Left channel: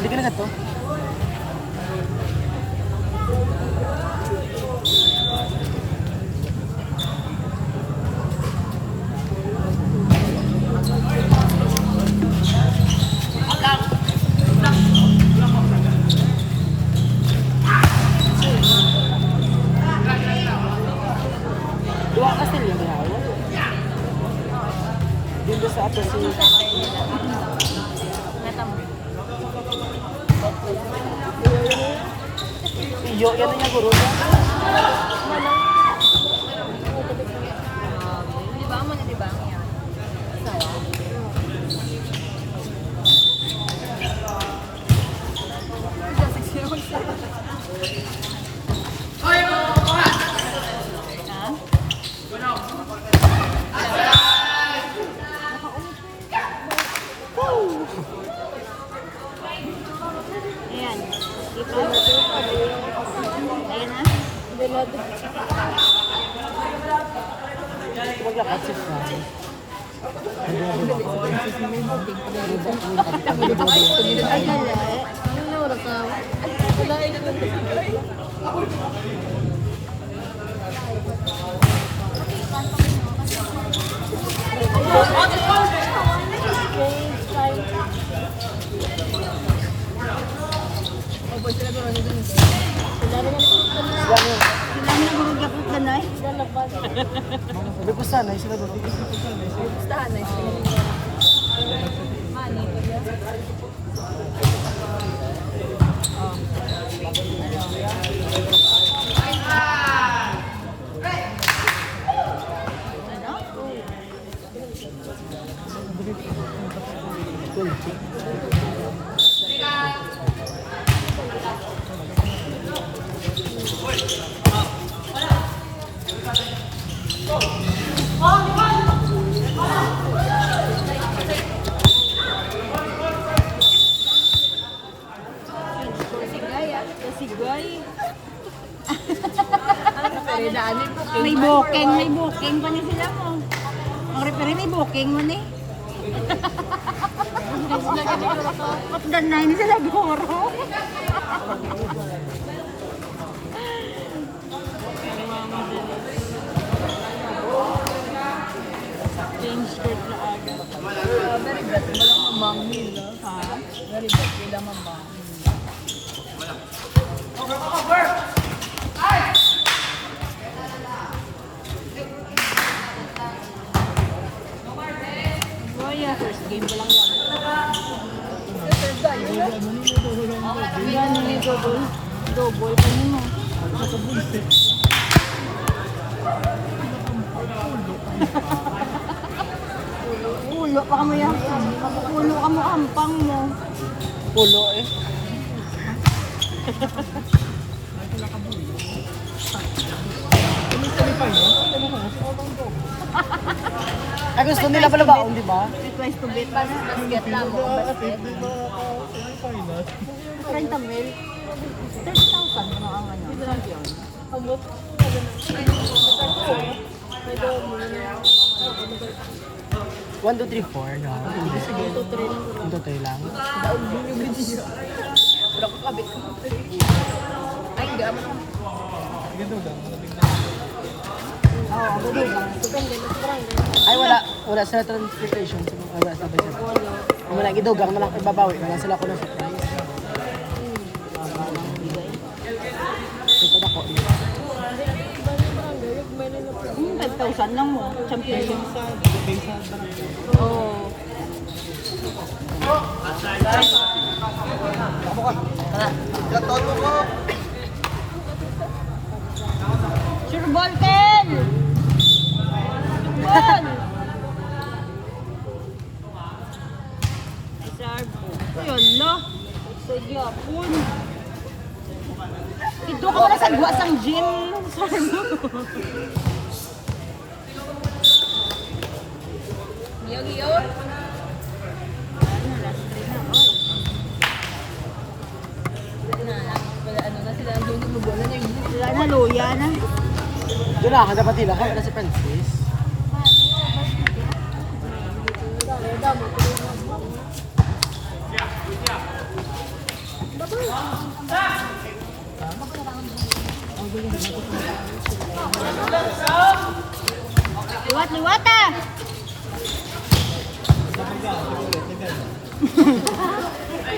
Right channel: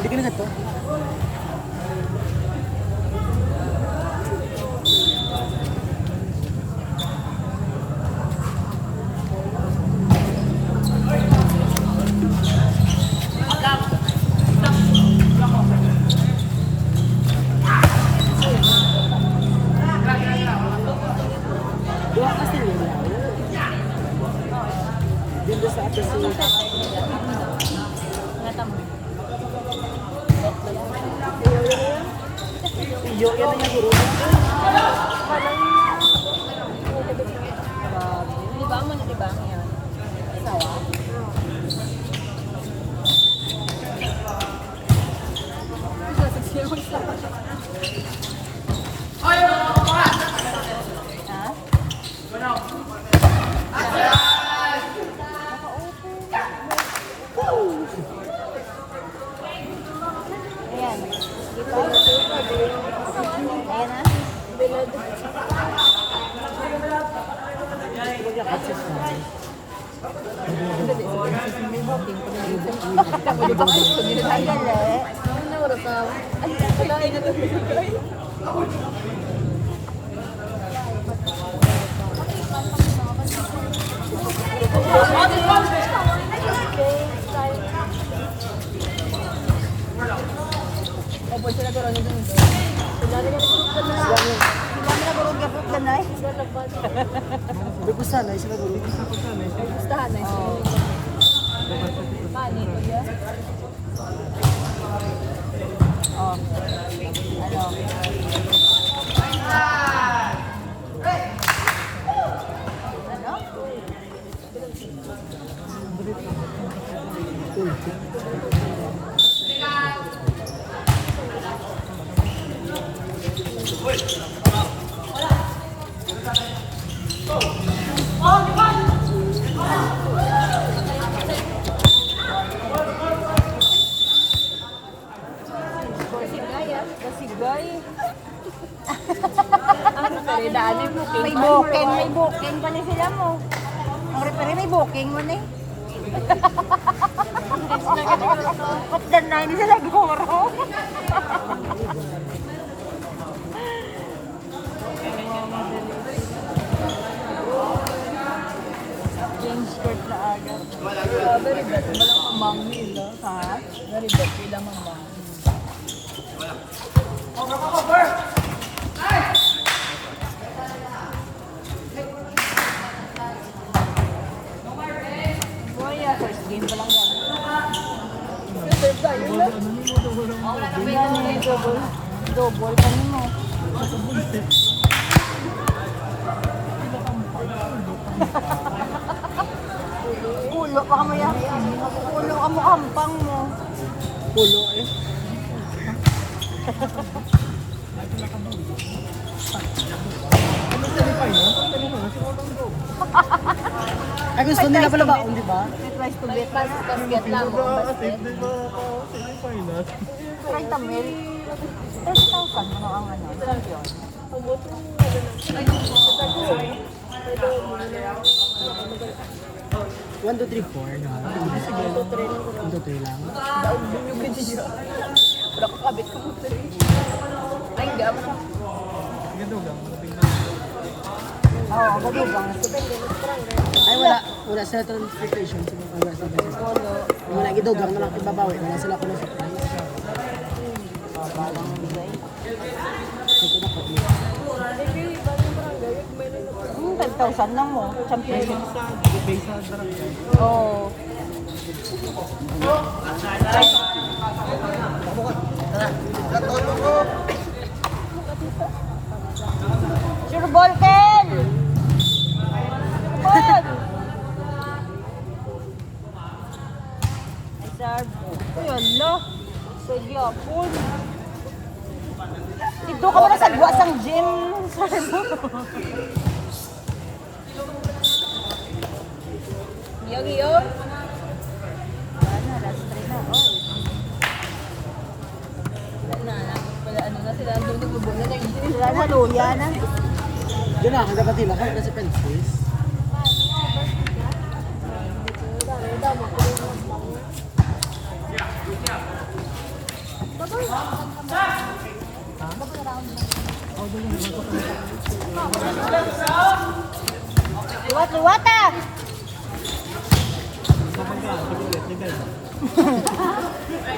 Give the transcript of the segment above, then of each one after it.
Hindi ka na gato? Dito sa ato si Iyo, yan na guru. May booking pa ni sila mo. Ang referee may booking mo na eh. Pagdan na yun sila guro. Mami ba? Ha? Nalibot sila mama. Over! Pulo ka mo yan. Pulo ka mo kampang mo. Pulo eh. Ay, gusto nila pala ba? Di ba? Request to bet. Basket lang mo. Basket. 30 mil. 10,000 mo ang ano. 1, 2, 3, 4 na. 1, 2, 3 lang. Ay, wala sa transportation. Wala sa transportation. Kung wala gidugang na lang ibabawi. Wala sila ko ng surprise. Dito na ko. 10,000 lang mo. Champion. Oh. Sir Volken! Ball! Ayun lo. Sige apon. Ito ko na sa buwasang gym. Sir mo. Wala na, luya na. Doon na, dapat tila. Kahit nasa Pansis. Liwat ah!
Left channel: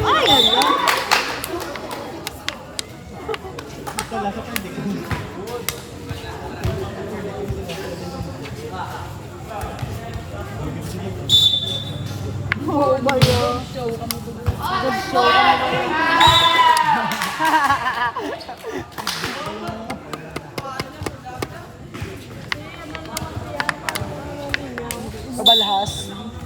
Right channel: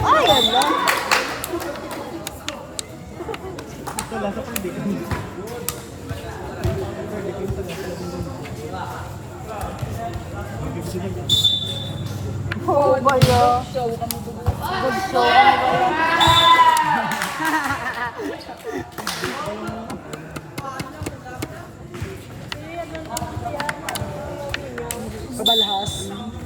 Ay, ano? Kabalhas.